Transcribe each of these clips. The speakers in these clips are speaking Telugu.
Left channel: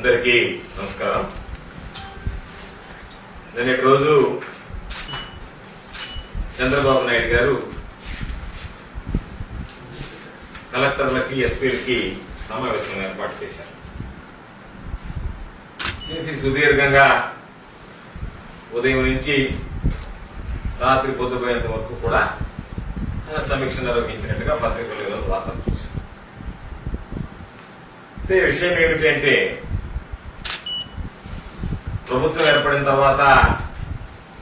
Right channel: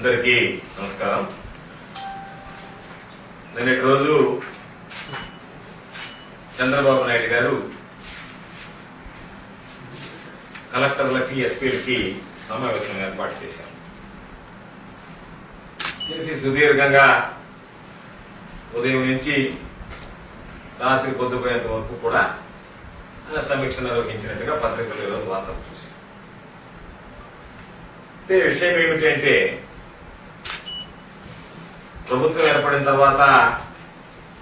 అందరికీ నమస్కారం. నిన్నటి రోజు చంద్రబాబు నాయుడు గారు కలెక్టర్లకి ఎస్పీలకి సమావేశం ఏర్పాటు చేశారు. చేసి సుదీర్ఘంగా ఉదయం నుంచి రాత్రి పొద్దుపోయేంత వరకు కూడా సమీక్ష నిర్వహించినట్టుగా పత్రికలు వార్తలు చూశారు. అయితే విషయం ఏమిటంటే ప్రభుత్వం ఏర్పడిన తర్వాత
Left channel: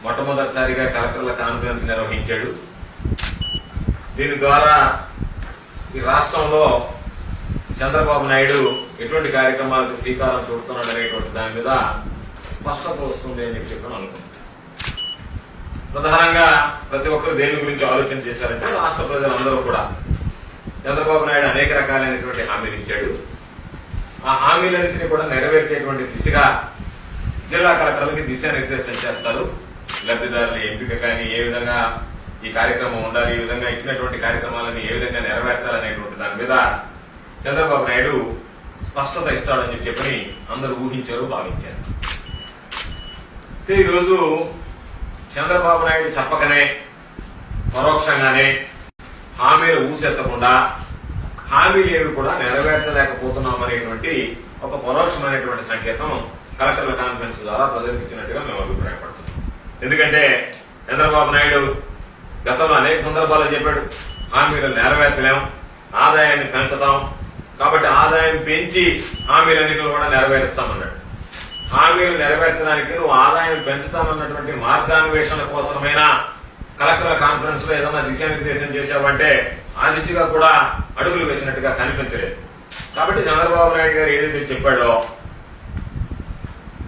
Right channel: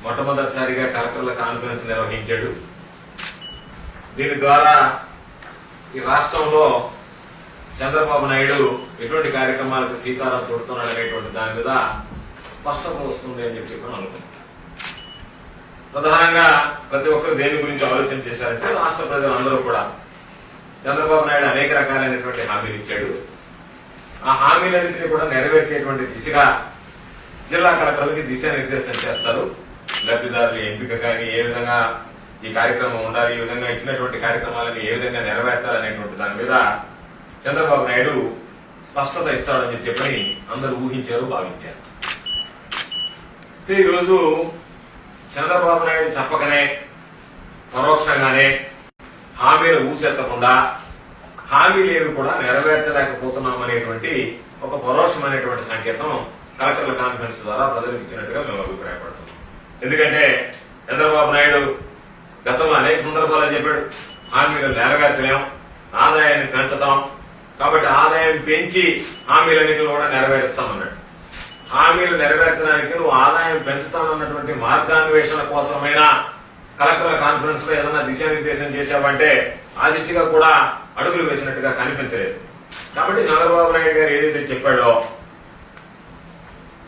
మొట్టమొదటిసారిగా కలెక్టర్ల కాన్ఫరెన్స్ నిర్వహించాడు. దీని ద్వారా ఈ రాష్ట్రంలో చంద్రబాబు నాయుడు ఎటువంటి కార్యక్రమాలకు శ్రీకారం చుడుతున్నాడు అనేటువంటి దాని మీద స్పష్టత వస్తుంది అని చెప్పి అనుకుంటున్నాను. ప్రధానంగా ప్రతి ఒక్కరు దేని గురించి ఆలోచన చేశారంటే రాష్ట్ర ప్రజలందరూ కూడా చంద్రబాబు నాయుడు అనేక రకాలైనటువంటి హామీలు ఇచ్చాడు. ఆ హామీలన్నింటినీ కూడా నెరవేర్చేటువంటి దిశగా జిల్లా కలెక్టర్లకి దిశానిర్దేశం చేస్తారు. లబ్ధిదారుల ఎంపిక కానీ ఏ విధంగా ఈ కార్యక్రమం ఉండాలి ఈ విధంగా ఇచ్చినటువంటి కార్యక్రమాలను ఏ విధంగా నెరవేర్చాలనేటువంటి దాని మీద చంద్రబాబు నాయుడు స్పష్టత ఇస్తాడని చెప్పి చెప్పని అందరూ ఊహించారు భావించారు. ఈరోజు చంద్రబాబు నాయుడు చెప్పకనే పరోక్షంగానే హామీలు ఊసెత్తకుండా హామీలు ఏవి కూడా నెరవేర్చలేకపోతున్నాం అనేటువంటి ఒక పరోక్షమైనటువంటి సంకేతం కలెక్టర్ల కాన్ఫరెన్స్ ద్వారా ప్రజలకు ఇచ్చినట్టుగా మేము అభిప్రాయపడుతున్నాం. ఎందుకంటే చంద్రబాబు నాయుడు గతంలో అనేక సందర్భాల్లో చెప్పాడు హామీలు నెరవేర్చలేం ఆదాయాన్ని పెంచుతాం. కాబట్టి ఆదాయం పెంచి హామీలన్నింటిని కూడా నెరవేరుస్తామన్నాడు. హామీలు నెరవేర్చడానికి నువ్వు ఆదాయం పెంచుతామన్నటువంటి మార్గాన్వేషణ కోసమైనా కలెక్టర్ల కాన్ఫరెన్స్లో ఏదన్నా దిశానిర్దేశం చేశావంటే ఆ దిశగా కూడా అడుగులు వేసినట్టుగా కనిపించలేదు. కాబట్టి చంద్రబాబు నాయుడు గారు ఏదైతే చెప్పాడో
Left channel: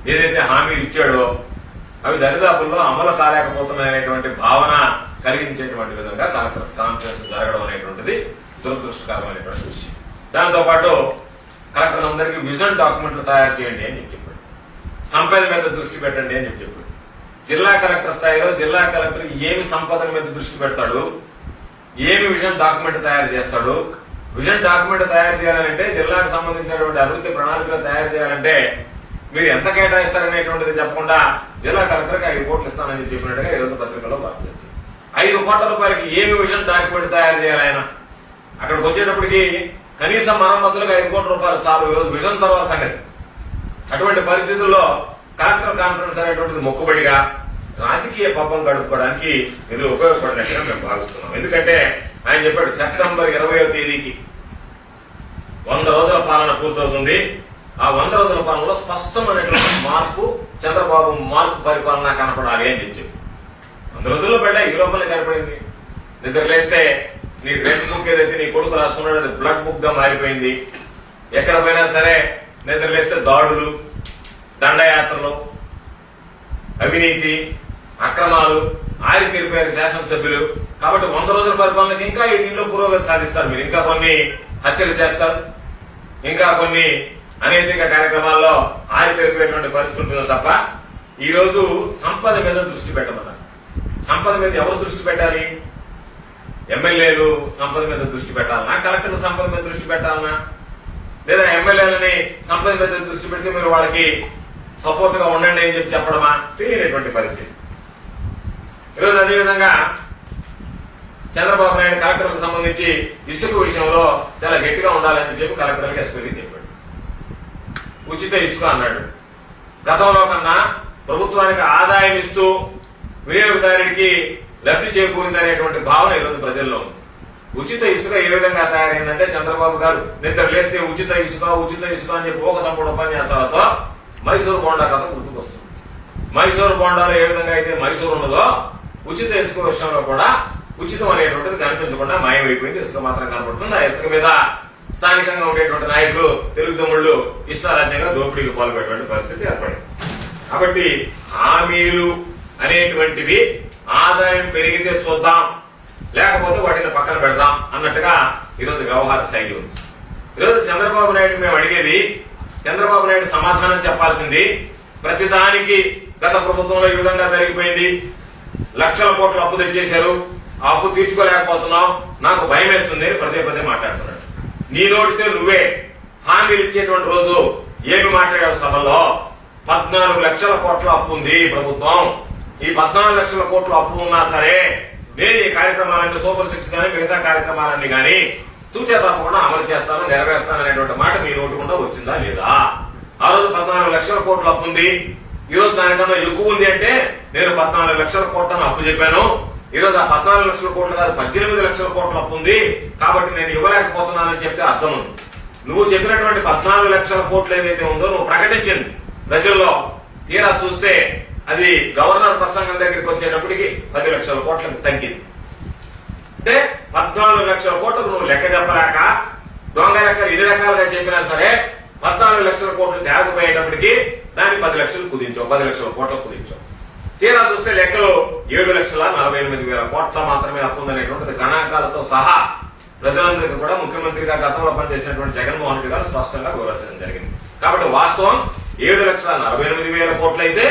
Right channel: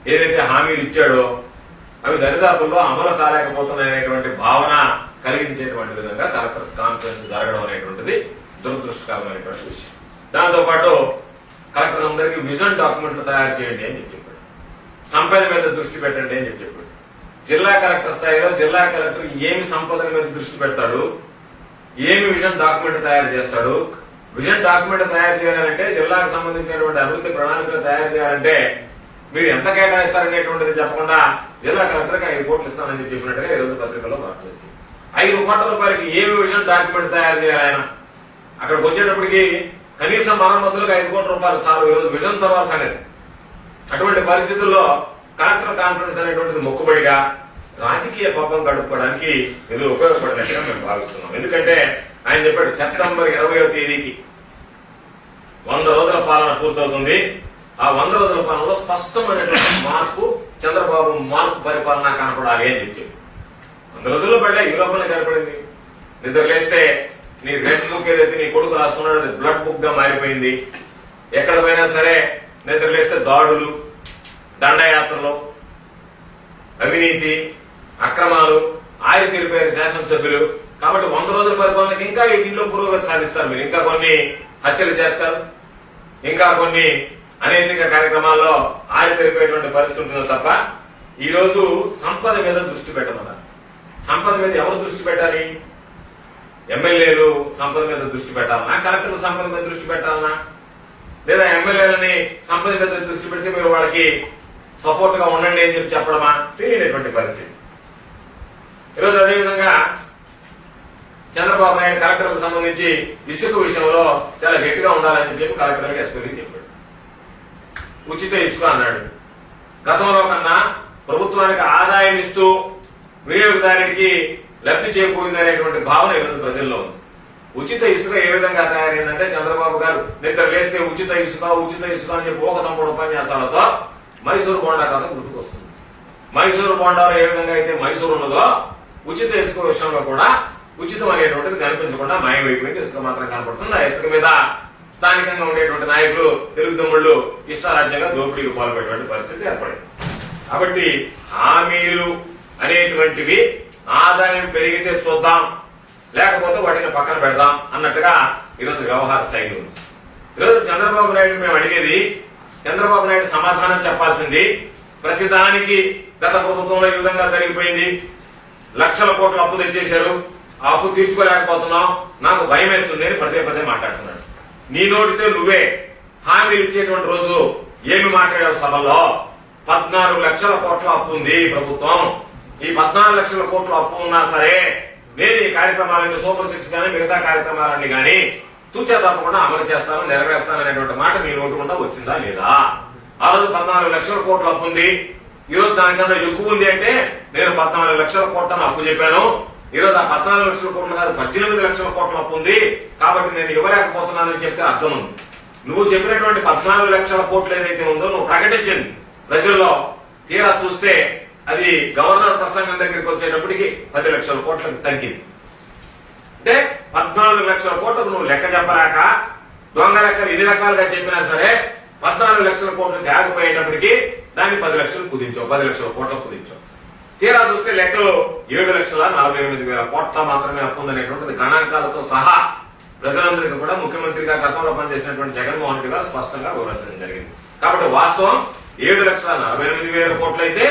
ఏదైతే హామీలు ఇచ్చాడో అవి దరిదాపుల్లో అమలు కాలేకపోతున్నాయనేటువంటి భావన కలిగించేటువంటి విధంగా కలెక్టర్స్ కాన్ఫరెన్స్ జరగడం అనేటువంటిది దురదృష్టకరమైనటువంటి విషయం. దాంతోపాటు కలెక్టర్ అందరికీ విజన్ డాక్యుమెంట్లు తయారు చేయండి అని చెప్పి చెప్పాడు. సంపద మీద దృష్టి పెట్టండి అని చెప్పి చెప్పాడు. జిల్లా కలెక్టర్ స్థాయిలో జిల్లా కలెక్టర్ ఏమి సంపద మీద దృష్టి పెడతాడు? ఏమి విజన్ డాక్యుమెంట్ తయారు చేస్తాడు? విజన్ డాక్యుమెంట్ తయారు చేయాలంటే జిల్లాకు సంబంధించినటువంటి అభివృద్ధి ప్రణాళికలు తయారు చేయాలంటే మీరు ఎంత కేటాయిస్తారనేటువంటిది చెప్పకుండా జిల్లా కలెక్టర్కి ఐదు కోట్లు ఇస్తానని చెప్పినట్టుగా ఈరోజు పత్రికలో వార్తలు వచ్చింది. ఐదు కోట్ల రూపాయలకి ఏమి విషయం డాక్యుమెంట్ తయారు చేయాలి ఆయన? అక్కడికి వచ్చేటప్పటికి కనీసం మరమ్మతులకు ఐదు కోట్ల రూపాయలు చాలు. ఈరోజు విజన్ తర్వాత సంగతి. అటువంటి పరిస్థితుల్లో కలెక్టర్ కాన్ఫరెన్స్ అనేటువంటిది మొక్కుబడిగా రాజకీయ పాపం గడుపుకోవడానికి ఇది ఉపయోగపడినట్టుగా మేము భావిస్తున్నాం. ఎందుకంటే ఆయన చెప్పాడు సెప్టెంబర్ ఇరవయో తేదీకి వంద రోజుల పాలన పూర్తవుతుంది. ఆ వంద రోజుల పాలనలో స్పష్టమైనటువంటి మార్పు చంద్రబాబు మార్పు పరిపాలన కనపడాలి అని చెప్పి వంద రోజుల్లో పడ్డా యూరోపల్ని కనపడింది. నిద్ర లేస్తే నీ రెడ్ బుక్ ఏదైతే నీ కొడుకు రాసుకున్నాడు అది బ్లడ్ బుక్గా మారిపోయింది. ఎక్కడ పోయినా సరే నిద్ర లేస్తే దాడులు దండయాత్రలు అవినీతి అక్రమాలు ఆయుధ తెలిపారు శాసనసభ్యులు. కాబట్టి వంద రోజుల పరిపాలనకి ఇంకా ఈ దీనిలో పురోగతి సాధిస్తారు మీరు. ఇంకా కొన్ని హత్యలు చేస్తారు. ఇంకా కొన్ని అనేక కార్యక్రమాల్లో ఆయుధ తెలిపేటువంటి పరిస్థితి ఉంటుందో తప్ప ఈరోజు సంపద మీద దృష్టి పెట్టమన్నారు. సంపద మీద ఎవరు దృష్టి పెట్టాలి? ఎమ్మెల్యేలు సంపద మీద దృష్టి పెట్టాలనా? కలెక్టర్లు సంపద మీద దృష్టి పెట్టాలనా? లేదా ఎమ్మెల్యేలని సంపద మీద దృష్టి పెడితే మీరు వాళ్ళకి సపోర్ట్గా ఉండండి అని చెప్పి చెప్పడమా? తెలియనటువంటి పరిస్థితి. ఈరోజు అదేవిధంగా చంద్రబాబు నాయుడు కలెక్టర్లకు సంబంధించి ఇసుక విషయంలో చాలా గట్టిగా ఉండాలని చెప్పి కలెక్టర్లకు ఎస్పీకి చెప్పారు. ఉచిత ఇసుక అన్నాడు. గతంలో కన్నా ప్రభుత్వానికి ఆదాయం ఇస్తూ వినియోగదారుడికి లబ్ధి చేకూరిందనేటువంటి భావన ఈరోజు ప్రజల్లో ఉంది. ఉచిత ఇసుక ఏ విధంగా తయారైందంటే చంద్రబాబు గారు నిద్ర లేస్తే ఉచిత ఇసుక ఉచిత ఇసుక అని చెప్పి ఒక తప్పుడు ఉపన్యాసాలతో మైసూరు బోండా కథ గుర్తుకొస్తుంది. మైసూరు బోండాలో ఏ విధంగా అయితే మైసూరు ఉన్నదో ఉచిత ఇసుక విషయంలో కూడా ఉచితం అనేటువంటిది కనిపించకుండా మాయమైపోయింది. ఇసుక మాత్రం కనపడుతుంది. ఆ ఇసుక మీద స్థానికంగా ఉండేటువంటి నాయకులు తెలుగు తమ్ముళ్ళు ఇష్టారాజ్యంగా దోపిడీకి పాల్పడేటువంటి పరిస్థితి ఏర్పడింది. కాబట్టి హామీలు అనేటువంటివి ఆదాయం పెరిగితే చూద్దాం లేకపోతే వాటిని పక్కన పెడదాం అన్నట్టుగా ఈరోజు వ్యవహార శైలి ఉంది. ఈరోజు చంద్రబాబు నాయుడు మేము అడిగేది చంద్రబాబు నాయుడు సమాధానం చెప్పాల్సింది ప్రతిదానికి గత ప్రభుత్వంలో ఈ విధంగా జరిగిపోయింది. లక్షల కోట్ల అప్పు తెచ్చేశారు ఆ అప్పు తీర్చుకోలేకపోతున్నాం నాకు భయం వేస్తుంది అని పదే పదే మాట్లాడుతున్నాడు నీ నోటితే నువ్వే హామీలు ఇచ్చేటువంటి రోజు ఏమి మాట్లాడావు సభలో? పద్నాలుగు లక్షల కోట్ల అప్పు ఉంది ప్రభుత్వం. ఈ పద్నాలుగు లక్షల కోట్ల అప్పు ఉన్నా సరే నేను ఈ కార్యక్రమాలన్నీ సూపర్ సిక్స్ కానీ మిగతా కార్యక్రమాలన్నీ కానీ తూచే తప్పకుండా అమలు చేస్తాను నెరవేర్స్తాను అనేటువంటి మాట మీ నోటి వచ్చిందా లేదా? ఆ రోజు పద్నాలుగు లక్షల కోట్ల అప్పు ఉంది. ఈ రోజు దానికన్నా ఎక్కువ ఉంది అంటే నేను పద్నాలుగు లక్షల కోట్లను అప్పు చెప్పాను. ఈ రోజు ఆ పద్నాలుగు లక్షల కోట్లు కాదు పద్దెనిమిది లక్షల కోట్ల అప్పు ఉంది. కాబట్టి నేను ఇవ్వలేకపోతున్నానని చెప్తే అర్థం ఉంది. నువ్వు చెప్పినటువంటి పద్నాలుగు లక్షల కోట్లు ఏదైతే ఉందో నువ్వు ప్రకటించింది. ప్రజల్లో తీరా చూస్తే అది గవర్నర్ ప్రసంగం దగ్గరికి వచ్చేటప్పటికి పది లక్షల కోట్లకు తగ్గింది. అంటే పద్నాలుగు లక్షల కోట్లకు నువ్వు లెక్క చెప్పలేక దొంగ లెక్కలు ఎన్ని రకాలుగా చెప్పినా సరే పద్నాలుగు లక్షల కోట్లు తేగపోయేటప్పటికి దాన్ని పది లక్షలు కుదించావు పది లక్షల కోట్లకు కుదించావు. తీరా చూస్తే లెక్కలు ఏడు లక్షల నలభై ఎనిమిది వేల కోట్ల మాత్రమే అప్పుందనేటువంటిది గణాంకాలతో సహా ప్రజలందరికీ కూడా ముఖ్యమంత్రిగా గతంలో పనిచేసినటువంటి జగన్మోహన్ రెడ్డి గారు స్పష్టంగా వివరించడం జరిగింది. కాబట్టి వాస్తవం ఏడు లక్షల నలభై ఎనిమిది వేల కోట్లు అయితే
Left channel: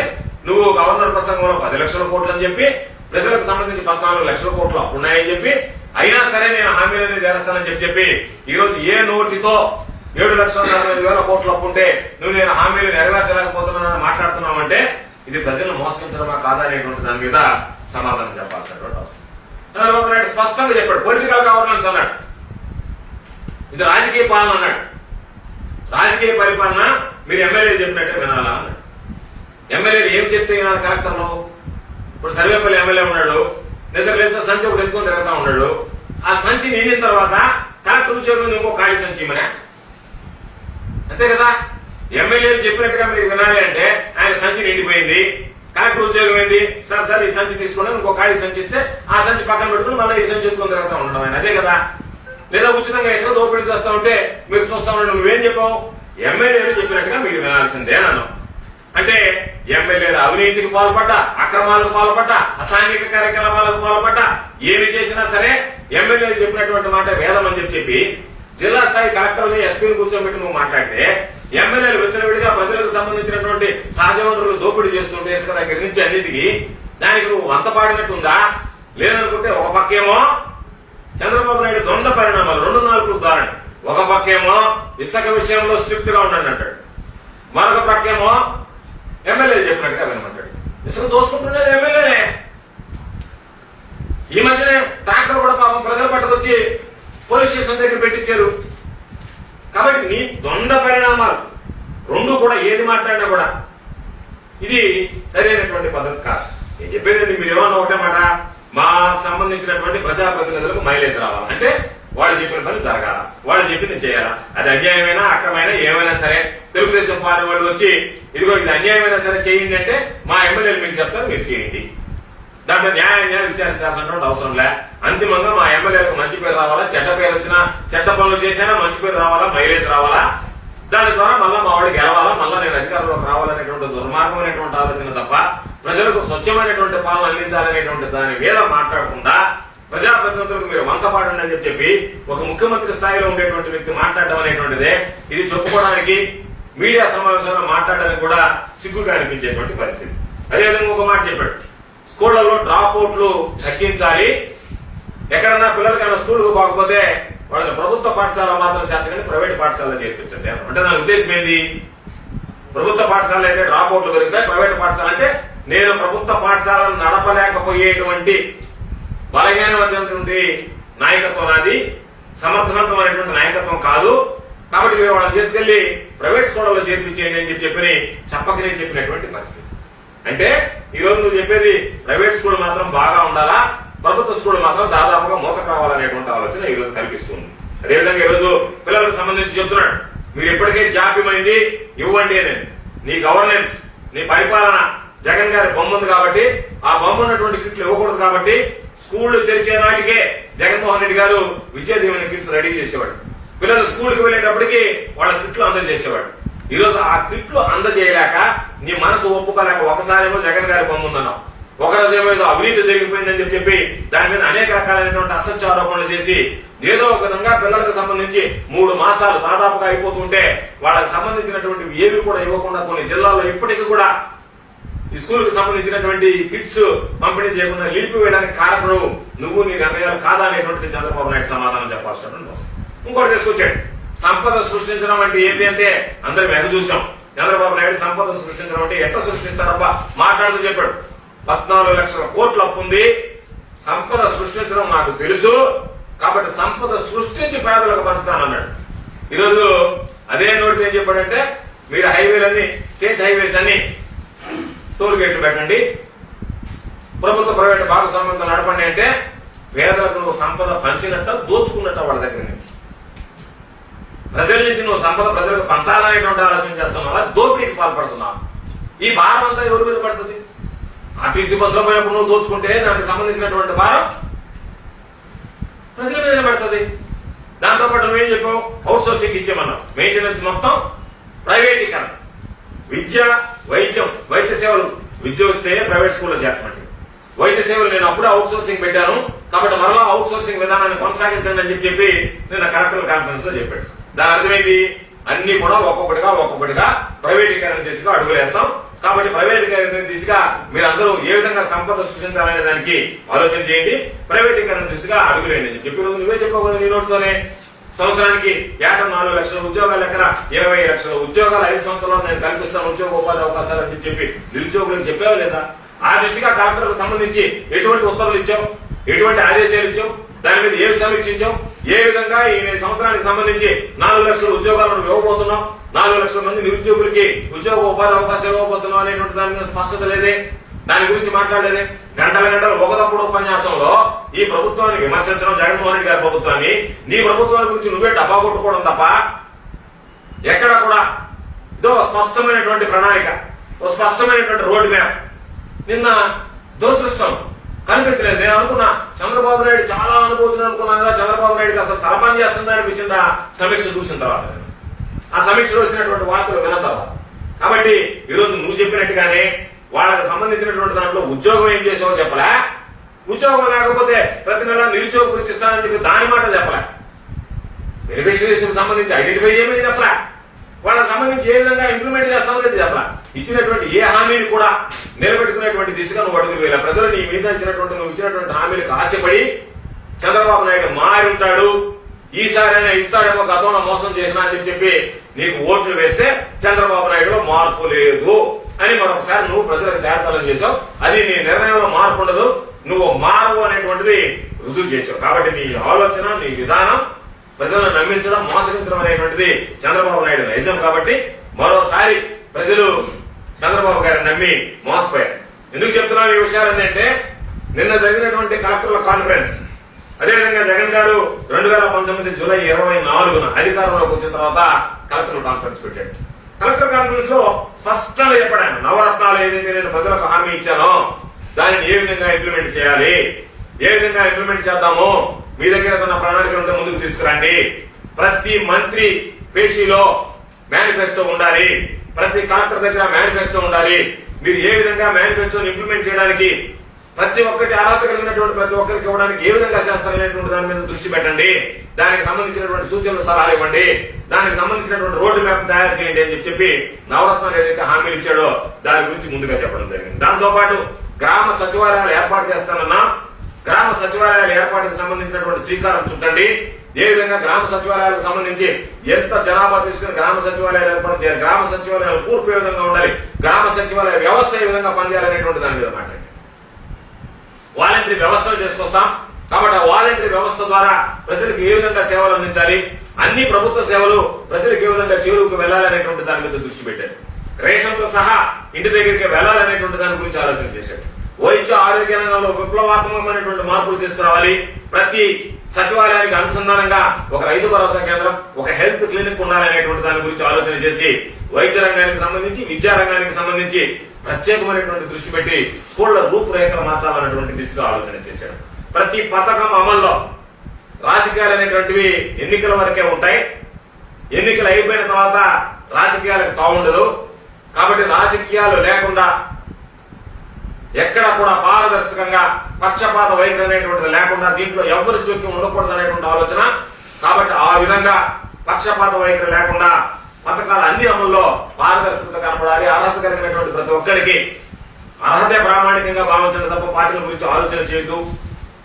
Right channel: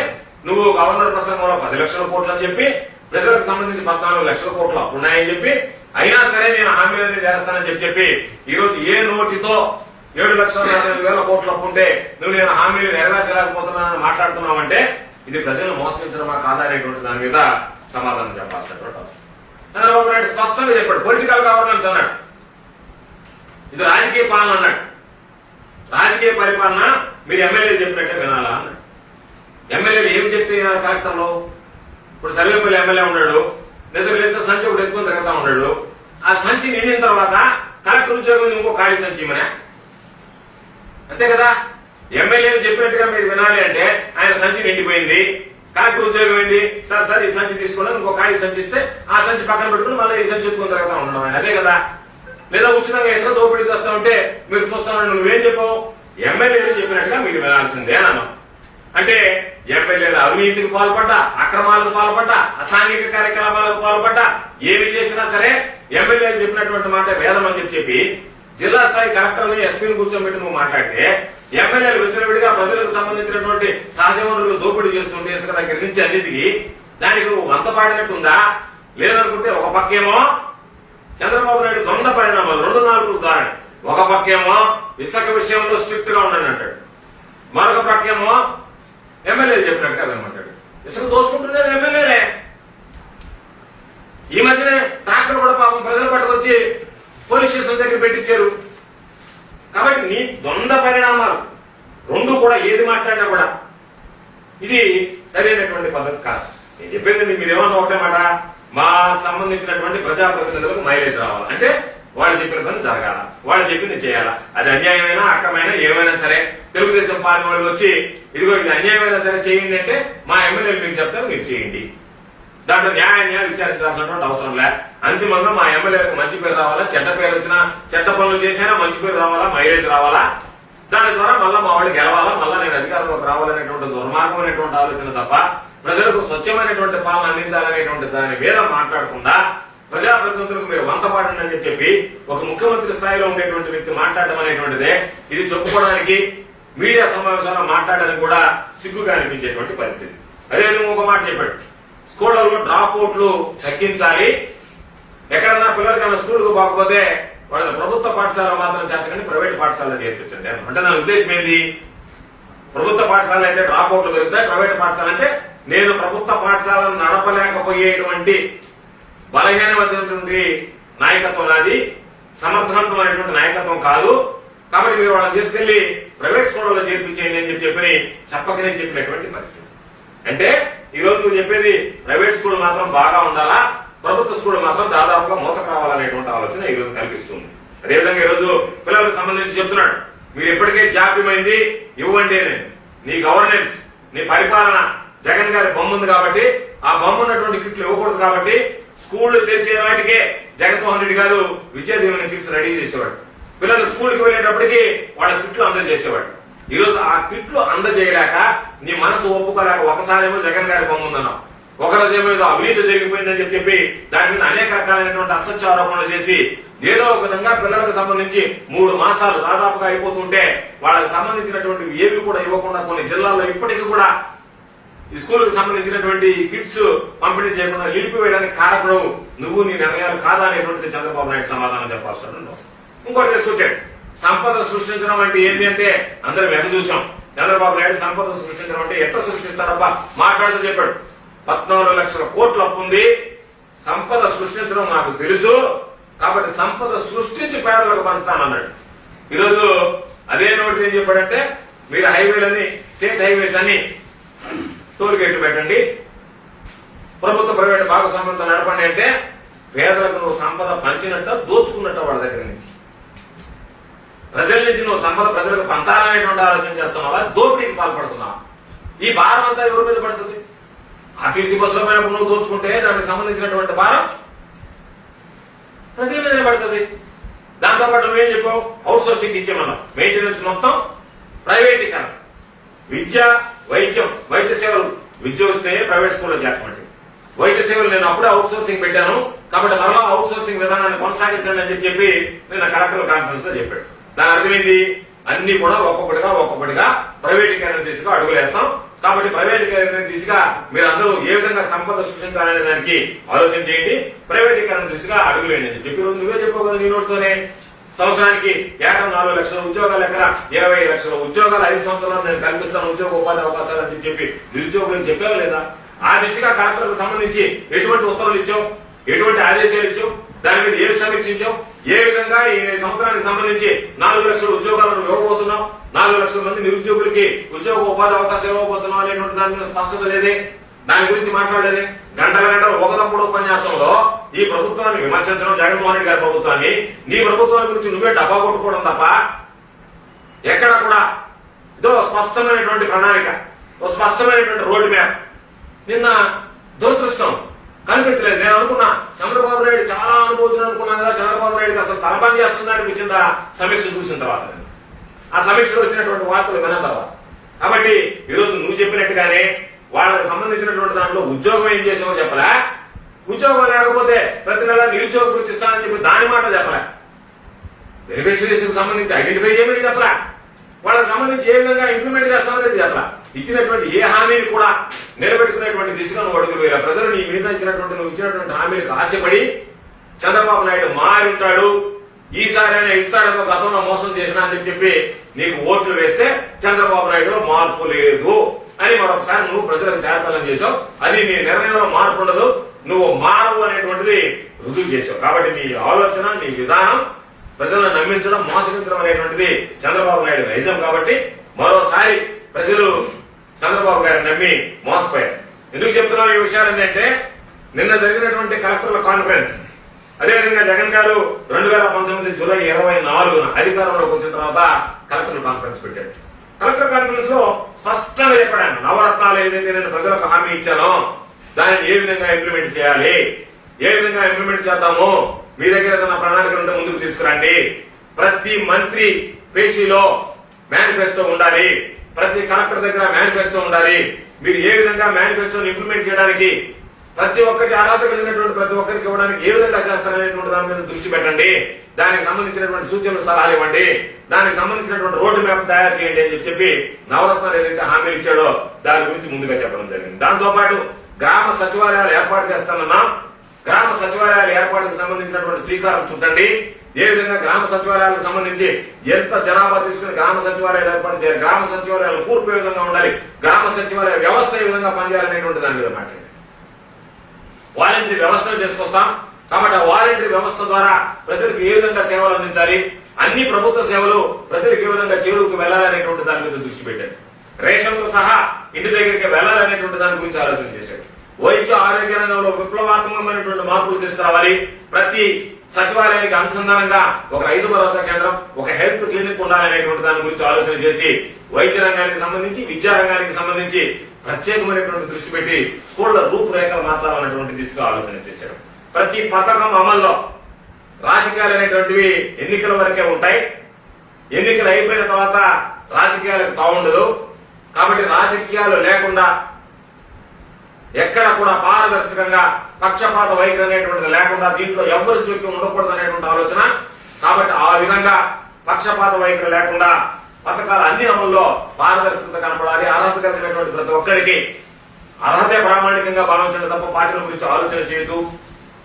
నువ్వు గవర్నర్ ప్రసంగంలో పది లక్షల కోట్లు అని చెప్పి ప్రజలకు సంబంధించి పద్నాలుగు లక్షల కోట్లు అప్పున్నాయని చెప్పి అయినా సరే నేను హామీలన్నీ చేస్తానని చెప్పి చెప్పి ఈ రోజు ఏ నోటితో ఏడు లక్షల నలభై ఐదు వేల కోట్లు అప్పుంటే నువ్వు నేను హామీలు నెరవేర్చలేకపోతున్నానని మాట్లాడుతున్నావంటే ఇది ప్రజలను మోసగించడమా కాదా అనేటువంటి దాని మీద సమాధానం చెప్పాల్సినటువంటి అవసరం. చంద్రబాబు నాయుడు స్పష్టంగా చెప్పాడు. పొలిటికల్ గవర్నెన్స్ అన్నాడు. ఇది రాజకీయ పాలన అన్నాడు. రాజకీయ పరిపాలన మీరు ఎమ్మెల్యేలు చెప్పినట్టే వినాలా అన్నాడు. ఎమ్మెల్యేలు ఏం చెప్తే వినాలి ఇప్పుడు సర్వేపల్లి ఎమ్మెల్యే ఉన్నాడు. నిద్ర లేస్తే సంచి ఒకటి ఎత్తుకుని తిరుగుతా ఉన్నాడు. ఆ సంచి నిండిన తర్వాత కలెక్టర్ ఉద్యోగం ఇంకో ఖాళీ సంచి ఇమ్మనే అంతే కదా? ఎమ్మెల్యేలు చెప్పినట్టుగా మీరు వినాలి అంటే ఆయన సంచి నిండిపోయింది కలెక్టర్ ఉద్యోగం ఏంది? సార్ సార్ ఈ సంచి తీసుకోండి ఇంకో ఖాళీ సంచి ఇస్తే ఆ సంచి పక్కన పెట్టుకుని మళ్ళీ ఈ సంచి ఎత్తుకుని తిరుగుతా ఉండడం ఆయన. అదే కదా? లేదా ఉచితంగా ఇసుక దోపిడీ చేస్తా ఉంటే మీరు చూస్తా ఉండండి నువ్వేం చెప్పావు? ఎమ్మెల్యేలు చెప్పినట్టుగా మీరు వినాల్సిందే అన్నాను. అంటే ఎమ్మెల్యేలు అవినీతికి పాల్పడ్డా అక్రమాలకు పాల్పడ్డా అసాంఘిక కార్యకలాపాలకు పాల్పడ్డా ఏమి చేసినా సరే ఎమ్మెల్యేలు చెప్పినటువంటి మాట వేదం అని చెప్పి చెప్పి జిల్లా స్థాయి కలెక్టర్ని ఎస్పీని కూర్చోబెట్టి నువ్వు మాట్లాడితే ఎమ్మెల్యేలు విడిగా ప్రజలకు సంబంధించినటువంటి సహజ వనరులు దోపిడీ చేస్తుంటే ఇసుక దగ్గర నుంచి అన్నిటికీ దానికి నువ్వు వంత పాడినట్టుందా? లేదనుకుంటే ఒక పక్కేమో చంద్రబాబు నాయుడు దొంగ పరిణామాలు రెండు నాలుగు దారి ఒక పక్కేమో ఇసుక విషయంలో స్ట్రిక్ట్గా ఉండండి అంటాడు. మరొక పక్కేమో ఎమ్మెల్యేలు చెప్పినట్టుగా వినమంటాడు. ఇసుక దోసుకుంటున్నది ఎమ్మెల్యేనే ఈ మధ్యనే ట్రాక్టర్ కూడా పాపం ప్రజలు పట్టుకొచ్చి పోలీస్ స్టేషన్ దగ్గర పెట్టించారు. కాబట్టి నీ ద్వంద్వ పరిణామాలు కూడా ఏది మాట్లాడినా కూడా ఇది సరైనటువంటి పద్ధతి కాదు. నేను చెప్పేది మీరు ఏమన్నా ఒకటే మాట మా సంబంధించినటువంటి ప్రజాప్రతినిధులకు మైలేజ్ రావాలి. అంటే వాళ్ళు చెప్పిన పని జరగాల. వాళ్ళు చెప్పింది చేయాలా. అది అన్యాయమైనా అక్రమైనా ఏమైనా సరే తెలుగుదేశం పార్టీ వాళ్ళు వచ్చి ఇదిగో ఇది అన్యాయమైనా సరే చేయండి అంటే మా ఎమ్మెల్యేలు మీకు చెప్తారు మీరు చేయండి. దాంట్లో న్యాయంగా విచారించాల్సినటువంటి అవసరం లే. అంతిమంగా మా ఎమ్మెల్యేలకు మంచి పేరు రావాలా? చెడ్డ పేరు వచ్చినా చెడ్డ పనులు చేసినా మంచి పేరు రావాలా? మైలేజ్ రావాలా? దాని ద్వారా మళ్ళా మా వాళ్ళు గెలవాలా? మళ్ళా నేను అధికారంలోకి రావాలనేటువంటి దుర్మార్గమైనటువంటి ఆలోచన తప్ప ప్రజలకు స్వచ్ఛమైనటువంటి పాలన అందించాలనేటువంటి దాని మీద మాట్లాడకుండా ప్రజాప్రతినిధులకు మీరు వంతపాడండి అని చెప్పి ఒక ముఖ్యమంత్రి స్థాయిలో ఉండేటువంటి వ్యక్తి మాట్లాడడం అనేటువంటిదే. ఇది చెప్పుకోవడానికి మీడియా సమావేశంలో మాట్లాడడానికి కూడా సిగ్గుగా అనిపించేటువంటి పరిస్థితి. అదేవిధంగా ఒక మాట చెప్పాడు. స్కూళ్ళలో డ్రాప్ అవుట్లు తగ్గించాలి. ఎక్కడన్నా పిల్లలకైనా స్కూల్కి పోకపోతే వాళ్ళని ప్రభుత్వ పాఠశాల మాత్రం చేర్చకండి ప్రైవేట్ పాఠశాలలో చేర్పించండి. అంటే నా ఉద్దేశం ఏంది? ప్రభుత్వ పాఠశాల అయితే డ్రాప్ అవుట్లు పెరుగుతాయి ప్రైవేట్ పాఠశాల అంటే నేను ప్రభుత్వ పాఠశాలను నడపలేకపోయేటువంటి బలహీనమైనటువంటి నాయకత్వం నాది సమర్థవంతమైనటువంటి నాయకత్వం కాదు. కాబట్టి మీరు వాళ్ళని తీసుకెళ్ళి ప్రైవేట్ స్కూళ్ళలో చేర్పించేయండి అని చెప్పి చెప్పని చెప్పకనే చెప్పినటువంటి పరిస్థితి. అంటే ఈ రోజు నువ్వు చెప్పేది ప్రైవేట్ స్కూల్ మాత్రం బాగా ఉండాలా? ప్రభుత్వ స్కూల్ మాత్రం దాదాపుగా మూతకు రావాలనేటువంటి ఆలోచన ఈ రోజు కనిపిస్తుంది. అదేవిధంగా ఈ రోజు పిల్లలకు సంబంధించి చెప్తున్నాడు మీరు ఇప్పటికే జాప్యమైంది ఇవ్వండి అని. నీ గవర్నెన్స్ నీ పరిపాలన జగన్ గారి బొమ్మ ఉంది కాబట్టి ఆ బొమ్మ ఉన్నటువంటి కిట్లు ఇవ్వకూడదు కాబట్టి స్కూళ్ళు తెరిచే నాటికే జగన్మోహన్ రెడ్డి గారు విద్యా దీవెన కిట్స్ రెడీ చేసేవాడు. పిల్లలు స్కూల్కి వెళ్ళేటప్పటికి వాళ్ళ కిట్లు అందజేసేవాడు. ఈరోజు ఆ కిట్లు అందజేయలేక నీ మనసు ఒప్పుకోలేక ఒకసారేమో జగన్ గారి బొమ్మ ఉందన్నావు. ఒక రోజు మీద అవినీతి జరిగిపోయిందని చెప్పి దాని మీద అనేక రకాలైనటువంటి అసత్య ఆరోపణలు చేసి ఏదో ఒక విధంగా పిల్లలకు సంబంధించి మూడు మాసాలు దాదాపుగా అయిపోతుంటే వాళ్ళకి సంబంధించినటువంటి ఏవి కూడా ఇవ్వకుండా కొన్ని జిల్లాల్లో ఇప్పటికీ కూడా ఈ స్కూల్కు సంబంధించినటువంటి కిట్స్ పంపిణీ చేయకుండా నిలిపివేయడానికి కారకుడు నువ్వు నీ నిర్ణయాలు కాదా అనేటువంటిది చంద్రబాబు నాయుడు సమాధానం చెప్పాల్సినటువంటి అవసరం. ఇంకోటి తీసుకొచ్చాడు. సంపద సృష్టించడం అంటే ఏంటి అంటే అందరం వెగ చూసాం చంద్రబాబు నాయుడు సంపద సృష్టించడం అంటే ఎట్లా సృష్టిస్తాడబ్బా? మాట్లాడుతూ చెప్పాడు. పద్నాలుగు లక్షల కోట్లు అప్పు ఉంది సంపద సృష్టించడం నాకు తెలుసు. కాబట్టి సంపద సృష్టించి పేదలకు పంచుతానన్నాడు. ఈరోజు అదే నోటి ఏం చెప్పాడంటే మీరు హైవేలన్నీ స్టేట్ హైవేస్ అన్ని టోల్ గేట్లు పెట్టండి. ప్రభుత్వ ప్రైవేట్ భాగస్వామ్యంతో నడపండి అంటే పేదలకు నువ్వు సంపద పంచినట్ట దోచుకున్నట్ట వాళ్ళ దగ్గర నుంచి. ప్రజల నుంచి నువ్వు సంపద ప్రజలకు పంచాలనేటువంటి ఆలోచన చేస్తున్నావా? దోపిడీకి పాల్పడుతున్నావా? ఈ భారం అంతా ఎవరి మీద పడుతుంది? ఆర్టీసీ బస్సులో పోయినప్పుడు నువ్వు దోచుకుంటే దానికి సంబంధించినటువంటి భారం ప్రజల మీద పడుతుంది. దాంతో పాటు నువ్వేం చెప్పావు? అవుట్ సోర్సింగ్ ఇచ్చేమన్నావు మెయింటెనెన్స్ మొత్తం ప్రైవేటీకరణ. విద్య వైద్యం వైద్య సేవలు. విద్య వస్తే ప్రైవేట్ స్కూల్లో చేర్చమండి వైద్య సేవలు నేను అప్పుడే అవుట్ సోర్సింగ్ పెట్టాను. కాబట్టి మరలా అవుట్ సోర్సింగ్ విధానాన్ని కొనసాగించండి అని చెప్పి చెప్పి నిన్న కలెక్టర్ కాన్ఫరెన్స్లో చెప్పాడు. దాని అర్థమైంది అన్ని కూడా ఒక్కొక్కటిగా ఒక్కొక్కటిగా ప్రైవేటీకరణ దిశగా అడుగులేస్తాం. కాబట్టి ప్రైవేటీకరణ దిశగా మీరందరూ ఏ విధంగా సంపద సృష్టించాలనే దానికి ఆలోచన చేయండి. ప్రైవేటీకరణ దిశగా అడుగులేండి అని చెప్పి రోజు నువ్వే చెప్పావు కదా నీ నోటితోనే. సంవత్సరానికి యాభై నాలుగు లక్షల ఉద్యోగాల ఎక్కడ ఇరవై లక్షల ఉద్యోగాలు ఐదు సంవత్సరాలు నేను కల్పిస్తాను. ఉద్యోగ ఉపాధి అవకాశాలు అని చెప్పి నిరుద్యోగులకు చెప్పావా లేదా? ఆ దిశగా కలెక్టర్కు సంబంధించి ఎటువంటి ఉత్తర్వులు ఇచ్చావు? ఎటువంటి ఆదేశాలు ఇచ్చావు? దాని మీద ఏమి సమీక్షించావు? ఏ విధంగా ఈ సంవత్సరానికి సంబంధించి నాలుగు లక్షల ఉద్యోగాలను ఇవ్వబోతున్నావు నాలుగు లక్షల మంది నిరుద్యోగులకి ఉద్యోగ ఉపాధి అవకాశం ఇవ్వబోతున్నావు అనేటువంటి దాని మీద స్పష్టత లేదే. దాని గురించి మాట్లాడలేదే. గంటల గంటలు ఒకరప్పుడు ఉపన్యాసంలో ఈ ప్రభుత్వాన్ని విమర్శించడం జగన్మోహన్ రెడ్డి గారి ప్రభుత్వాన్ని. నీ ప్రభుత్వాన్ని గురించి నువ్వే డబ్బా కొట్టుకోవడం తప్ప ఎక్కడ కూడా. ఇదో స్పష్టమైనటువంటి ప్రణాళిక ఓ స్పష్టమైనటువంటి రోడ్ మ్యాప్. నిన్న దురదృష్టం కనిపించలేదు నేను అనుకున్నా చంద్రబాబు నాయుడు చాలా అనుభూతులు అనుకున్నాను కదా చంద్రబాబు నాయుడుకి అసలు తలపని చేస్తుందా అనిపించిందా సమీక్ష చూసిన తర్వాత. ఆ సమీక్షలో వచ్చినటువంటి వార్తలు విన్న తర్వాత. కాబట్టి ఈరోజు నువ్వు చెప్పినట్టుగానే వాళ్ళకి సంబంధించినటువంటి దాంట్లో ఉద్యోగం ఏం చేసావో చెప్పలే. ఉద్యోగం లేకపోతే ప్రతి నెల నిరుద్యోగ గుర్తిస్తానని ఇస్తానని చెప్పి దాని మాట చెప్పలే. బెనిఫిషరీస్ సంబంధించి ఐడెంటిఫై చేయమని చెప్పలే. వాళ్ళకి సంబంధించి ఏ విధంగా ఇంప్లిమెంట్ చేస్తామనేది చెప్పలే. ఇచ్చినటువంటి ఏ హామీని కూడా నిలబెట్టుకునేటువంటి దిశగా నువ్వు అడుగులు వేయాలి ప్రజలు నీ మీద ఇచ్చినటువంటి నువ్వు ఇచ్చినటువంటి హామీలకు ఆశపడి చంద్రబాబు నాయుడు మారి ఉంటాడు ఈసారి అయినా ఇస్తాడేమో గతంలో మోసం చేసినా అని చెప్పి నీకు ఓట్లు వేస్తే చంద్రబాబు నాయుడు మార్పు లేదు అని మరొకసారి నువ్వు ప్రజలకు దేడతలం చేసావు అది నీ నిర్ణయంలో మార్పు ఉండదు నువ్వు మారవు అనేటువంటిది రుజువు చేసావు కాబట్టి నీ ఆలోచన నీ విధానం ప్రజలను నమ్మించడం మోసగించడం అనేటువంటిది చంద్రబాబు నాయుడు నైజం కాబట్టి మరోసారి ప్రజలు చంద్రబాబు గారిని నమ్మి మోసపోయారు. ఎందుకు చెప్తున్నాను ఈ విషయాలు అంటే నిన్న జరిగినటువంటి కలెక్టర్ల కాన్ఫరెన్స్. అదేవిధంగా జగన్ గారు రెండు వేల పంతొమ్మిది జూలై ఇరవై నాలుగున అధికారంలోకి వచ్చిన తర్వాత కలెక్టర్ల కాన్ఫరెన్స్ పెట్టారు. కలెక్టర్ కాన్ఫరెన్స్లో స్పష్టంగా చెప్పాను నవరత్నాలు ఏదైతే నేను ప్రజలకు హామీ ఇచ్చానో దానిని ఏ విధంగా ఇంప్లిమెంట్ చేయాలి ఏ విధంగా ఇంప్లిమెంట్ చేద్దాము మీ దగ్గర ఏదైనా ప్రణాళిక ఉంటే ముందుకు తీసుకురండి. ప్రతి మంత్రి పేషీలో మేనిఫెస్టో ఉండాలి. ప్రతి కలెక్టర్ దగ్గర మేనిఫెస్టో ఉండాలి. మీరు ఏ విధంగా మేనిఫెస్టోని ఇంప్లిమెంట్ చేయడానికి ప్రతి ఒక్కటి అర్హత కలిగినటువంటి ప్రతి ఒక్కరికి ఇవ్వడానికి ఏ విధంగా చేస్తారనేటువంటి దాని మీద దృష్టి పెట్టండి. దానికి సంబంధించినటువంటి సూచనలు సలహాలు ఇవ్వండి. దానికి సంబంధించినటువంటి రోడ్డు మ్యాప్ తయారు చేయండి అని చెప్పి నవరత్నాలు ఏదైతే హామీలు ఇచ్చాడో దాని గురించి ముందుగా చెప్పడం జరిగింది. దాంతో పాటు గ్రామ సచివాలయాలు ఏర్పాటు చేస్తానన్నా గ్రామ సచివాలయాల ఏర్పాటుకు సంబంధించినటువంటి శ్రీకారం చుట్టండి. ఏ విధంగా గ్రామ సచివాలయాలకు సంబంధించి ఎంత జనాభా తీసుకుని గ్రామ సచివాలయాలు ఏర్పాటు చేయాలి గ్రామ సచివాలయాలు కూర్పు ఏ విధంగా ఉండాలి గ్రామ సచివాలయ వ్యవస్థ ఏ విధంగా పనిచేయాలనేటువంటి దాని మీద మాట్లాడి వాలంటరీ వ్యవస్థలు తీసుకొస్తాం. కాబట్టి ఆ వాలంటరీ వ్యవస్థ ద్వారా ప్రజలకు ఏ విధంగా సేవలు అందించాలి అన్ని ప్రభుత్వ సేవలు ప్రజలకు ఏ విధంగా చేరువుకు వెళ్ళాలనేటువంటి దాని మీద దృష్టి పెట్టారు. రేషన్తో సహా ఇంటి దగ్గరికి వెళ్ళాలనేటువంటి దాని గురించి ఆలోచన చేశారు. వైద్య ఆరోగ్య రంగంలో విప్లవాత్మకమైనటువంటి మార్పులు తీసుకురావాలి. ప్రతి సచివాలయానికి అనుసంధానంగా ఒక రైతు భరోసా కేంద్రం ఒక హెల్త్ క్లినిక్ ఉండాలనేటువంటి దాని గురించి ఆలోచన చేసి వైద్య రంగానికి సంబంధించి విద్యా రంగానికి సంబంధించి ప్రత్యేకమైనటువంటి దృష్టి పెట్టి స్కూళ్ళ రూపురేఖలు మార్చాలన్నటువంటి దిశగా ఆలోచన చేశాడు. ప్రతి పథకం అమల్లో రాజకీయాలు అనేటువంటివి ఎన్నికల వరకే ఉంటాయి. ఎన్నికలు అయిపోయిన తర్వాత రాజకీయాలకు తావుండదు. కాబట్టి రాజకీయాలు లేకుండా ఎక్కడ కూడా పారదర్శకంగా పక్షపాత వైఖరి అనేటువంటిది లేకుండా దీంట్లో ఎవరి జోక్యం ఉండకూడదు అనేటువంటి ఆలోచన. కాబట్టి ఆ విధంగా పక్షపాత వైఖరి లేకుండా పథకాల అన్ని అమల్లో పారదర్శకత కనపడాలి అర్హత కలిగినటువంటి ప్రతి ఒక్కరికి. అర్హతే ప్రామాణికంగా భావించడం తప్ప పార్టీల గురించి ఆలోచన చేయదు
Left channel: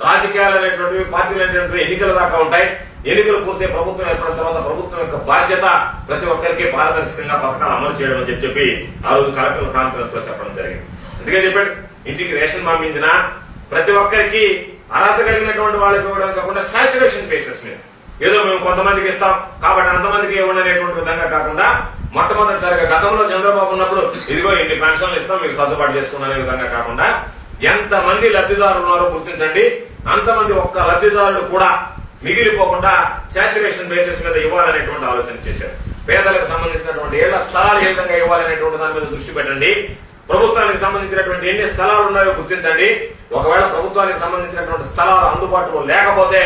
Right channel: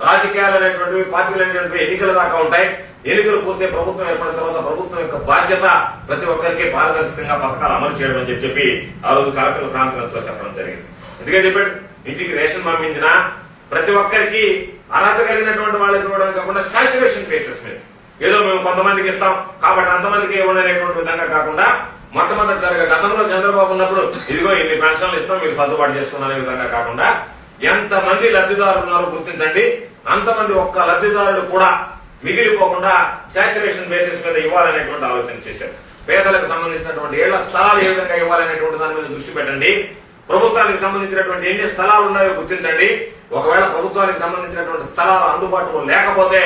రాజకీయాలు అనేటువంటివి పార్టీలు అనేటువంటివి ఎన్నికల దాకా ఉంటాయి. ఎన్నికలు పూర్తి ప్రభుత్వం ఏర్పడిన తర్వాత ప్రభుత్వం యొక్క బాధ్యత ప్రతి ఒక్కరికి పారదర్శకంగా పథకాలు అమలు చేయడం అని చెప్పి చెప్పి ఆ రోజు కలెక్టర్ కాన్ఫరెన్స్లో చెప్పడం జరిగింది. అందుకే చెప్పాడు ఇంటికి రేషన్ పంపించిన ప్రతి ఒక్కరికి అర్హత కలిగినటువంటి వాళ్ళకి ఇవ్వడం కాకుండా సాచురేషన్ ఫేసెస్ మీద. ఏదో మేము కొంతమందికి ఇస్తాం కాబట్టి అంతమందికి ఇవ్వండి అనేటువంటి విధంగా కాకుండా మొట్టమొదటిసారిగా గతంలో చంద్రబాబు ఉన్నప్పుడు ఇదిగో ఇన్ని పెన్షన్లు ఇస్తాం మీరు సర్దుబాటు చేసుకున్న విధంగా కాకుండా ఎంత మంది లబ్ధిదారులు ఉన్నారో గుర్తించండి. అంతమంది ఒక్క లబ్ధిదారులు కూడా మిగిలిపోకుండా సాచురేషన్ బేసిస్ మీద ఇవ్వాలనేటువంటి ఆలోచన చేశారు. పేదలకు సంబంధించినటువంటి ఏళ్ళ స్థలాలు ఏ విధంగా ఇవ్వాలనేటువంటి దాని మీద దృష్టి పెట్టండి. ప్రభుత్వానికి సంబంధించినటువంటి ఎన్ని స్థలాలు ఉన్నాయో గుర్తించండి. ఒకవేళ ప్రభుత్వానికి సంబంధించినటువంటి స్థలాలు అందుబాటులో లేకపోతే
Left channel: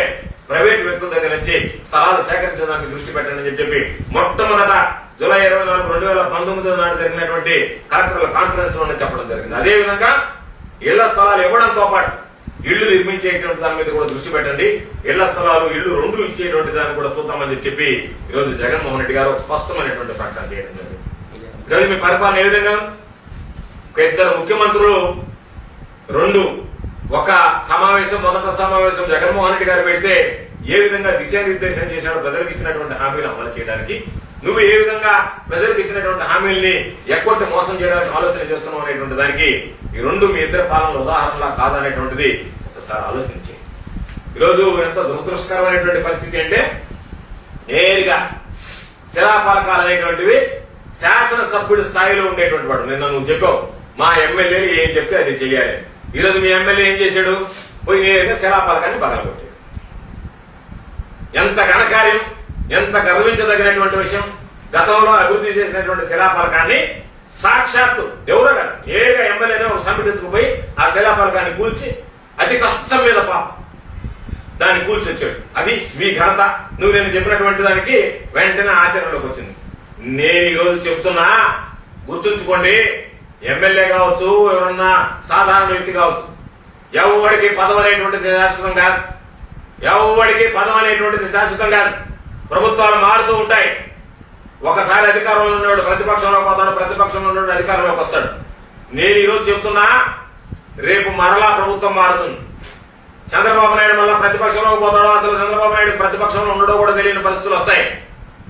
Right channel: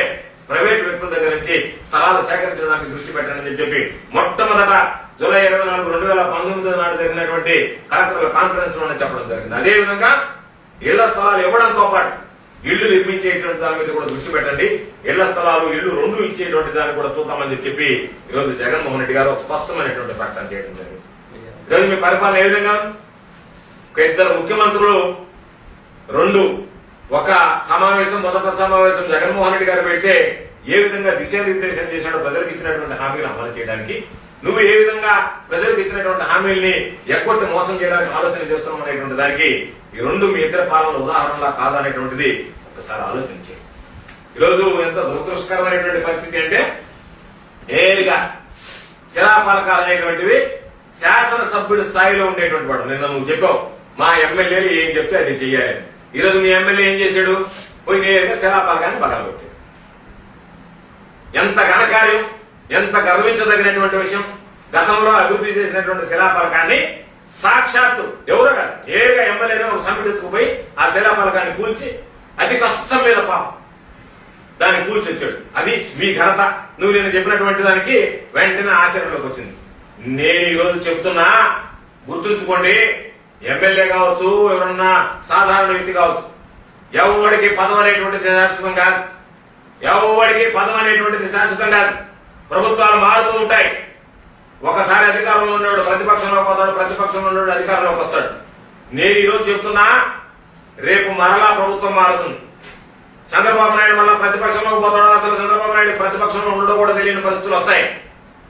ప్రైవేట్ వ్యక్తుల దగ్గర నుంచి స్థలాలు సేకరించడానికి దృష్టి పెట్టండి అని చెప్పి మొట్టమొదట జూలై ఇరవై నాలుగు రెండు వేల పంతొమ్మిది నాడు జరిగినటువంటి కలెక్టర్ల కాన్ఫరెన్స్లోనే చెప్పడం జరిగింది. అదే విధంగా ఇళ్ళ స్థలాలు ఇవ్వడంతో పాటు ఇళ్ళు నిర్మించేటువంటి దాని మీద కూడా దృష్టి పెట్టండి. ఇళ్ళ స్థలాలు ఇళ్ళు రెండు ఇచ్చేటువంటి దాన్ని కూడా చూద్దామని చెప్పి ఈరోజు జగన్మోహన్ రెడ్డి గారు ఒక స్పష్టమైనటువంటి ప్రకటన చేయడం జరిగింది. ఈరోజు మీ పరిపాలన ఏ విధంగా ఉంది? ఇద్దరు ముఖ్యమంత్రులు రెండు ఒక సమావేశం మొదట సమావేశం జగన్మోహన్ రెడ్డి గారు పెడితే ఏ విధంగా దిశానిర్దేశం చేశారో ప్రజలకు ఇచ్చినటువంటి హామీలు అమలు చేయడానికి నువ్వు ఏ విధంగా ప్రజలకు ఇచ్చినటువంటి హామీల్ని ఎక్కొట్టి మోసం చేయడానికి ఆలోచన చేస్తున్నావు అనేటువంటి దానికి ఈ రెండు మీ ఇద్దరు పాలన ఉదాహరణలా కాదనేటువంటిది ఒకసారి ఆలోచించి ఈరోజు ఎంత దురదృష్టకరమైనటువంటి పరిస్థితి అంటే నేరుగా శిలాపాలకాలు అనేటువంటివి శాసనసభ్యుడి స్థాయిలో ఉండేటువంటి వాడు నిన్న నువ్వు చెప్పావు మా ఎమ్మెల్యేలు ఏం చెప్తే అది చెయ్యాలి. ఈ రోజు మీ ఎమ్మెల్యే ఏం చేశాడు? పోయి నేరుగా శిలాపలకాన్ని పగలగొట్టాడు. ఎంత ఘనకార్యం ఎంత గర్వించదగినటువంటి విషయం గతంలో అభివృద్ధి చేసినటువంటి శిలాపలకాన్ని సాక్షాత్తు ఎవరో కదా నేరుగా ఎమ్మెల్యేనే ఒక సమితి ఎత్తుకుపోయి ఆ శిలాపలకాన్ని కూల్చి అతి కష్టం మీద పాపం దాన్ని కూల్చొచ్చాడు. అది మీ ఘనత. నువ్వు నేను చెప్పినటువంటి దానికి వెంటనే ఆచరణలోకి వచ్చింది. నేను ఈ రోజు చెప్తున్నా గుర్తుంచుకోండి ఎమ్మెల్యే కావచ్చు ఎవరన్నా సాధారణ వ్యక్తి కావచ్చు. ఎవడికి పదవి అనేటువంటిది శాశ్వతం కాదు. ఎవడికి పదవి అనేటువంటిది శాశ్వతం కాదు. ప్రభుత్వాలు మారుతూ ఉంటాయి. ఒకసారి అధికారంలో ఉన్నవాడు ప్రతిపక్షంలో పోతాడు ప్రతిపక్షంలో ఉన్నవాడు అధికారంలోకి వస్తాడు. నేను ఈరోజు చెప్తున్నా రేపు మరలా ప్రభుత్వం మారుతుంది. చంద్రబాబు నాయుడు మళ్ళా ప్రతిపక్షంలో పోతాడో అసలు చంద్రబాబు నాయుడు ప్రతిపక్షంలో ఉండడో కూడా తెలియని పరిస్థితులు వస్తాయి.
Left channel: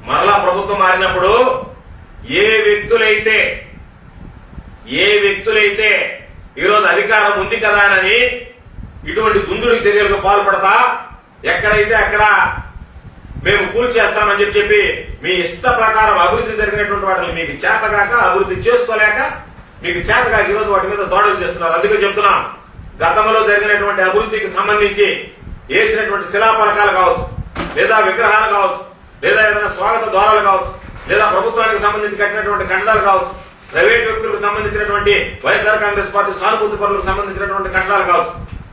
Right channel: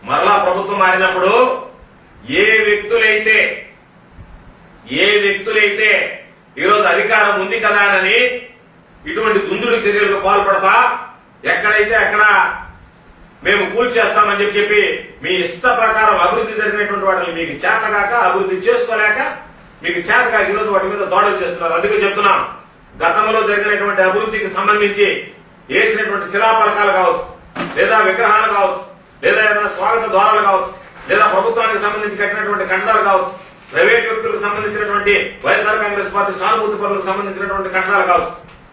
మరలా ప్రభుత్వం మారినప్పుడు ఏ వ్యక్తులైతే ఏ వ్యక్తులైతే ఈరోజు అధికారం ఉంది కదా అని ఇటువంటి దుందుడు చర్యలకు పాల్పడతా ఎక్కడైతే అక్కడ మేము కూల్చేస్తామని చెప్పి చెప్పి మీ ఇష్ట ప్రకారం అభివృద్ధి జరిగినటువంటి వాటిని మీకు చేతగాక అభివృద్ధి చేసుకోలేక మీకు చేతగాక ఈరోజు వాటి మీద దాడులు చేస్తున్నారు. అందుకే చెప్తున్నాం గతంలో జరిగినటువంటి అభివృద్ధికి సంబంధించి వేసినటువంటి శిలాఫలకాలు కావచ్చు లేదా విగ్రహాలు కావచ్చు లేదా ఏదైనా స్వాగత ద్వారాలు కావచ్చు లేదా ప్రభుత్వానికి సంబంధించి కట్టినటువంటి కట్టడాలు కావచ్చు ప్రైవేట్ వ్యక్తులకు సంబంధించినటువంటి వైఎస్ఆర్ కాంగ్రెస్ పార్టీ సానుభూతి పనులకు సంబంధించినటువంటి కట్టడాలు కావచ్చు.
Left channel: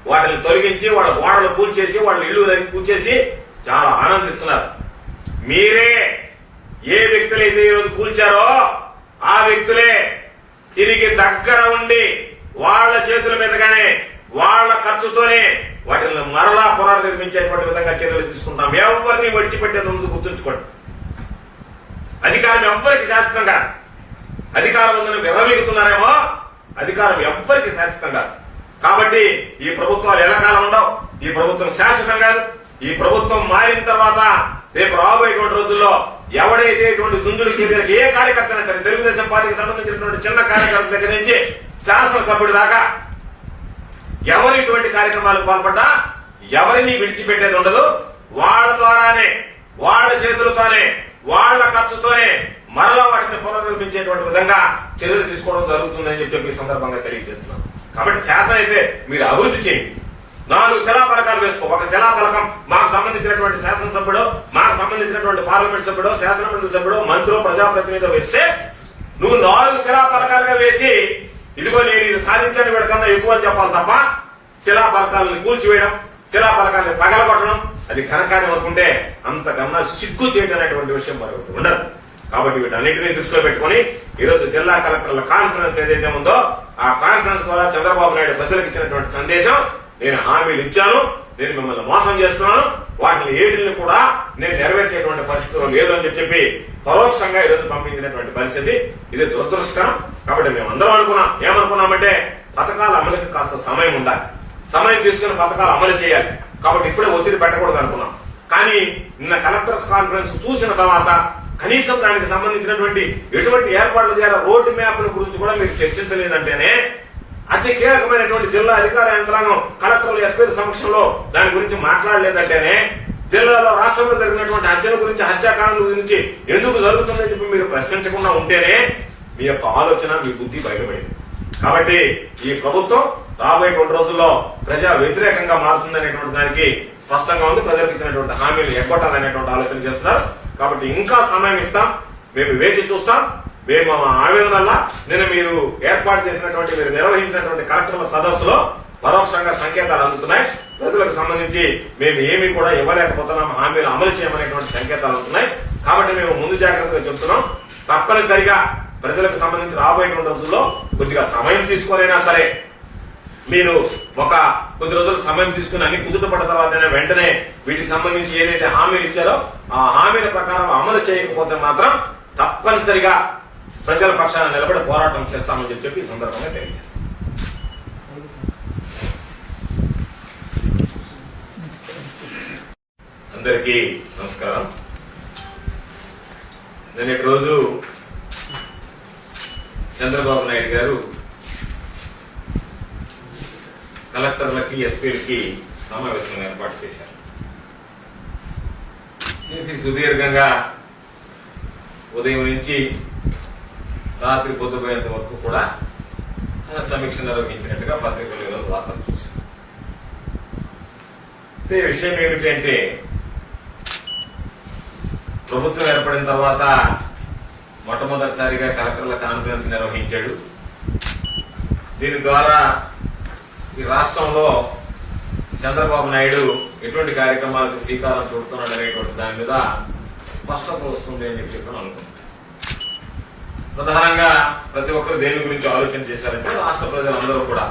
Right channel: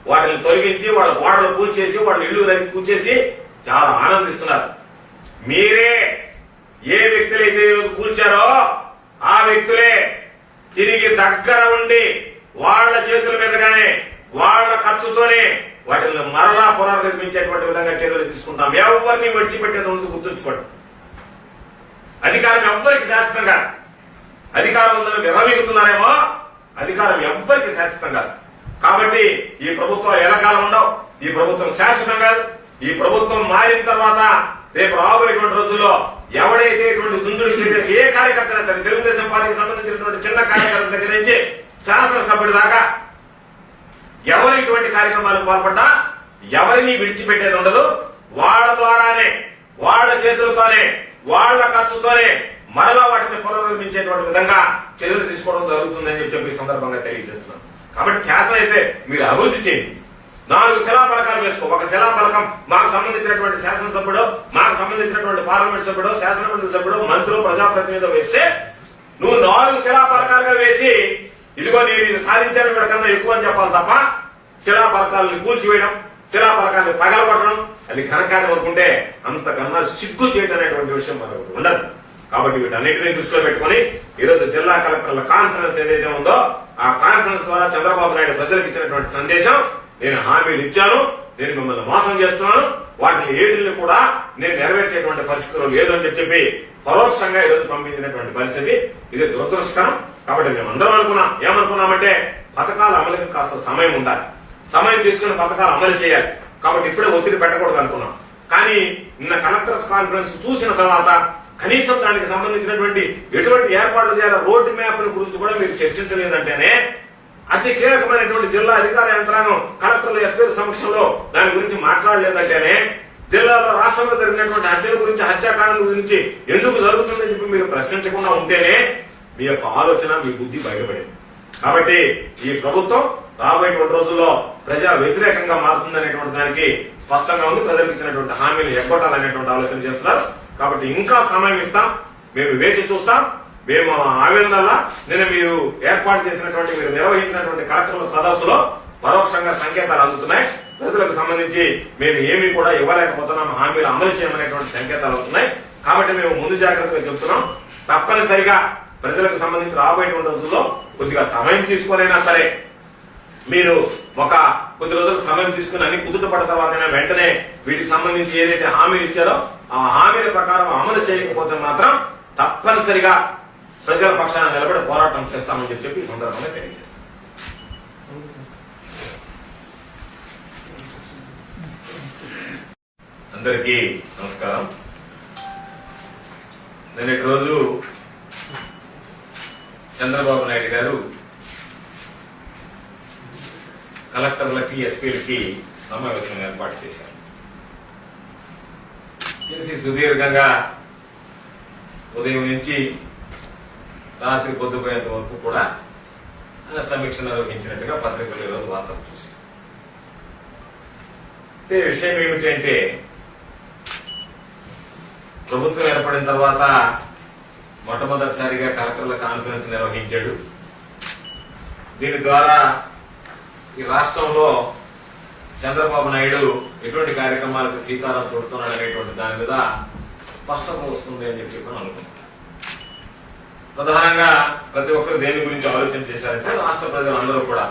వాటిని తొలగించి వాళ్ళ గోడలు కూల్చేసి వాళ్ళ ఇల్లు కూల్చేసి చాలా ఆనందిస్తున్నారు. మీరే ఏ వ్యక్తులైతే ఈరోజు కూల్చారో ఆ వ్యక్తులే తిరిగి దగ్గర ఉండి వాళ్ళ చేతుల మీదగానే వాళ్ళ ఖర్చుతోనే వాటిని మరలా పునర్నిర్మించేటువంటి విధంగా చర్యలు తీసుకుంటాం. ఎవరిని విడిచిపెట్టేది ముందు గుర్తుంచుకోండి. అధికారం ఎవ్వరికి శాశ్వతంగా అధికారం ఉందని నిర్వహిస్తున్నారేమో అధికారం ఎవ్వరికి శాశ్వతం కాదు. కాబట్టి ఈ ప్రభుత్వం ఎలకాలం ఉండవు ఈ ప్రభుత్వం శాశ్వతం కాదు. ఈ ప్రభుత్వం మారిన తర్వాత రేపు రాబోయేటువంటి రోజుల్లో ఎవడైతే ఇటువంటి దుందుడు చెప్పిన ఏ కార్యకర్త సరే తెలుగుదేశం పార్టీకి సంబంధించినటువంటి చిన్న కార్యకర్త దగ్గర నుంచి శాసనసభ్యుడి దాకా ఎవరు ఇటువంటి కార్యక్రమాలకు పాల్పడ్డా ఎవరిని విడిచిపెట్టేది ఉండదు. వాళ్ళ ద్వారానే వాళ్ళ చేతులతోనే వాళ్ళ ఖర్చుతోనే మరలా వాటిని పునర్నిర్మించేటువంటి విధంగా చర్యలు తీసుకోవడం జరుగుతుందని చెప్పి చెప్పి ఈ సందర్భంగా తెలియజేస్తున్నాం. కాబట్టి చేత అయితే మీరు అభివృద్ధి చేయండి. నాలుగు శిలాఫలకాలు వేసుకో. ఒక శిలాఫలకం మాకు సంబంధించినటువంటి శాసనసభ్యుడు మాకు సంబంధించినటువంటి పార్లమెంట్ సభ్యుడు శాసనమండలి సభ్యుడు మంత్రులు ప్రజాప్రతినిధి వేస్తే నువ్వు నాలుగు శిలాఫలకాలుగా వేసి ఇదిగో నేను ఇది సాధించాను వీడికన్నా ఎక్కువ అని చెప్పాలి తప్ప శిలాఫలకాలను కూల్చివేయడం శిలాఫలకాన్ని పగలగొట్టడం అది ఘనకార్యం అనుకుంటే అంత గన్నా సిగ్గు చేయడం అనేటువంటి విషయం మరొకటి ఉండదు. కాబట్టి వీటన్నిటిని దృష్టిలో పెట్టుకుని ఈరోజు జిల్లా కలెక్టర్ల కాన్ఫరెన్స్ ఏదైతే ఉందో ఆ కాన్ఫరెన్స్ ద్వారా చంద్రబాబు నాయుడు ప్రజలకు ఇచ్చినటువంటి సందేశం నేను హామీలు ఇచ్చాను నేను మిమ్మల్ని మోసం చేస్తున్నాను వాటిని ఏటిని కూడా నేను నెరవేర్చేటువంటి పరిస్థితులు లేదు అని చెప్పి పరోక్షంగా ఈరోజు పంపించినటువంటి పరిస్థితి ఇది దురదృష్టకరం కాబట్టి మేము అందరం అనుకున్నాం. ఏమనుకున్నామంటే పథకాల అమలుకి కాస్త సమయం ఉండాలి. సమయం తీసుకుని పథకాలు అమలు చేయాలి. కాబట్టి ఇప్పుడే ఒత్తిడి పెట్టకూడదు అనుకున్నాం కానీ నిన్న కలెక్టర్స్ కాన్ఫరెన్స్ చూసిన తర్వాత కనీసం దానికి సంబంధించినటువంటి ఎటువంటి ఏర్పాట్లు చేయాలి రోడ్డు మ్యాప్ గురించి కూడా మీరు చర్చించలేదంటేనే అతి కీలకమైనటువంటి జిల్లా అధికార యంత్రాంగం కలెక్టర్లు ఎస్పీ సమక్షంలో దాని గురించి మాట్లాడలేదంటేనే జిల్లాలో రాష్ట్రంలో జరిగినటువంటి హత్యల గురించి హత్యాకాండల గురించి ఎందుకు జరుగుతుందని చెప్పి మీరు ప్రశ్నించకుండా ఉంటేనే మీ యొక్క ఆలోచన మీ బుద్ధి బయటపడింది. కాబట్టి ఈ ప్రభుత్వం రాబోయేటువంటి రోజుల్లో ప్రజా వ్యతిరేకంగా మారుతుందనేటువంటి దానికి స్పష్టంగా ఉంది. ప్రజలకు ఇచ్చినటువంటి హామీలు ఎగ్గొట్టాలనేటువంటి ఆలోచన చేస్తున్నారు. కాబట్టి ఇంకా సమయం ఇస్తాం. మేము వేచి చూస్తాం. మేము మా ఆవేదనల్లా నేను మీరు ఏర్పాటు చేసినటువంటి మీరు నిర్వహించినటువంటి కార్యక్రమ సదస్సులో పరోక్షంగా సంకేతాలు అందుతున్నాయి. ప్రజలకు సంబంధించి మేము ఏమి కూడా ఇవ్వలేకపోతున్నాం. హామీలు అమలు చేయమనేటువంటి సంకేతాలు అందుతున్నాయి. కాబట్టి మేము ముందు జాగ్రత్తగా చెప్తున్నాం. తప్పనిసరిగా ప్రజలకు సంబంధించి రాబోయేటువంటి రోజుల్లో కొద్దిగా సమయం తీసుకోలేనా సరే మీరు ఒక కొద్ది రోజులు సమయం తీసుకుని అన్ని కుదుట పడ్డ తర్వాత వెంటనే వీటికి సంబంధించి ఏదైతే హామీలు ఇచ్చారో ఆ హామీల ప్రకారం అమలు చేయకపోతే మాత్రం తప్పనిసరిగా ప్రజల పక్షాన నిలబడి పోరాటం చేస్తామని చెప్పి చెప్పి ఈ సందర్భంగా తెలియజేస్తాం. అందరికీ నమస్కారం. నిన్నటి రోజు చంద్రబాబు నాయుడు గారు కలెక్టర్లకి ఎస్పీలకి సమావేశం ఏర్పాటు చేశారు. చేసి సుదీర్ఘంగా ఉదయం నుంచి రాత్రి పొద్దుపోయేంత వరకు కూడా సమీక్ష నిర్వహించినట్టుగా పత్రికలు ఈరోజు వార్తలు చూశారు. విషయం ఏమిటంటే ప్రభుత్వం ఏర్పడిన తర్వాత మొట్టమొదటిసారిగా కలెక్టర్ల కాన్ఫరెన్స్ నిర్వహించాడు. దీని ద్వారా ఈ రాష్ట్రంలో చంద్రబాబు నాయుడు ఎటువంటి కార్యక్రమాలకు శ్రీకారం చుడుతున్నాడు అనేటువంటి దాని మీద స్పష్టత వస్తుంది అని చెప్పి మనం అనుకుంటున్నాం. ప్రధానంగా ప్రతి ఒక్కరు దేని గురించి ఆలోచన చేశారంటే రాష్ట్ర ప్రజలందరూ కూడా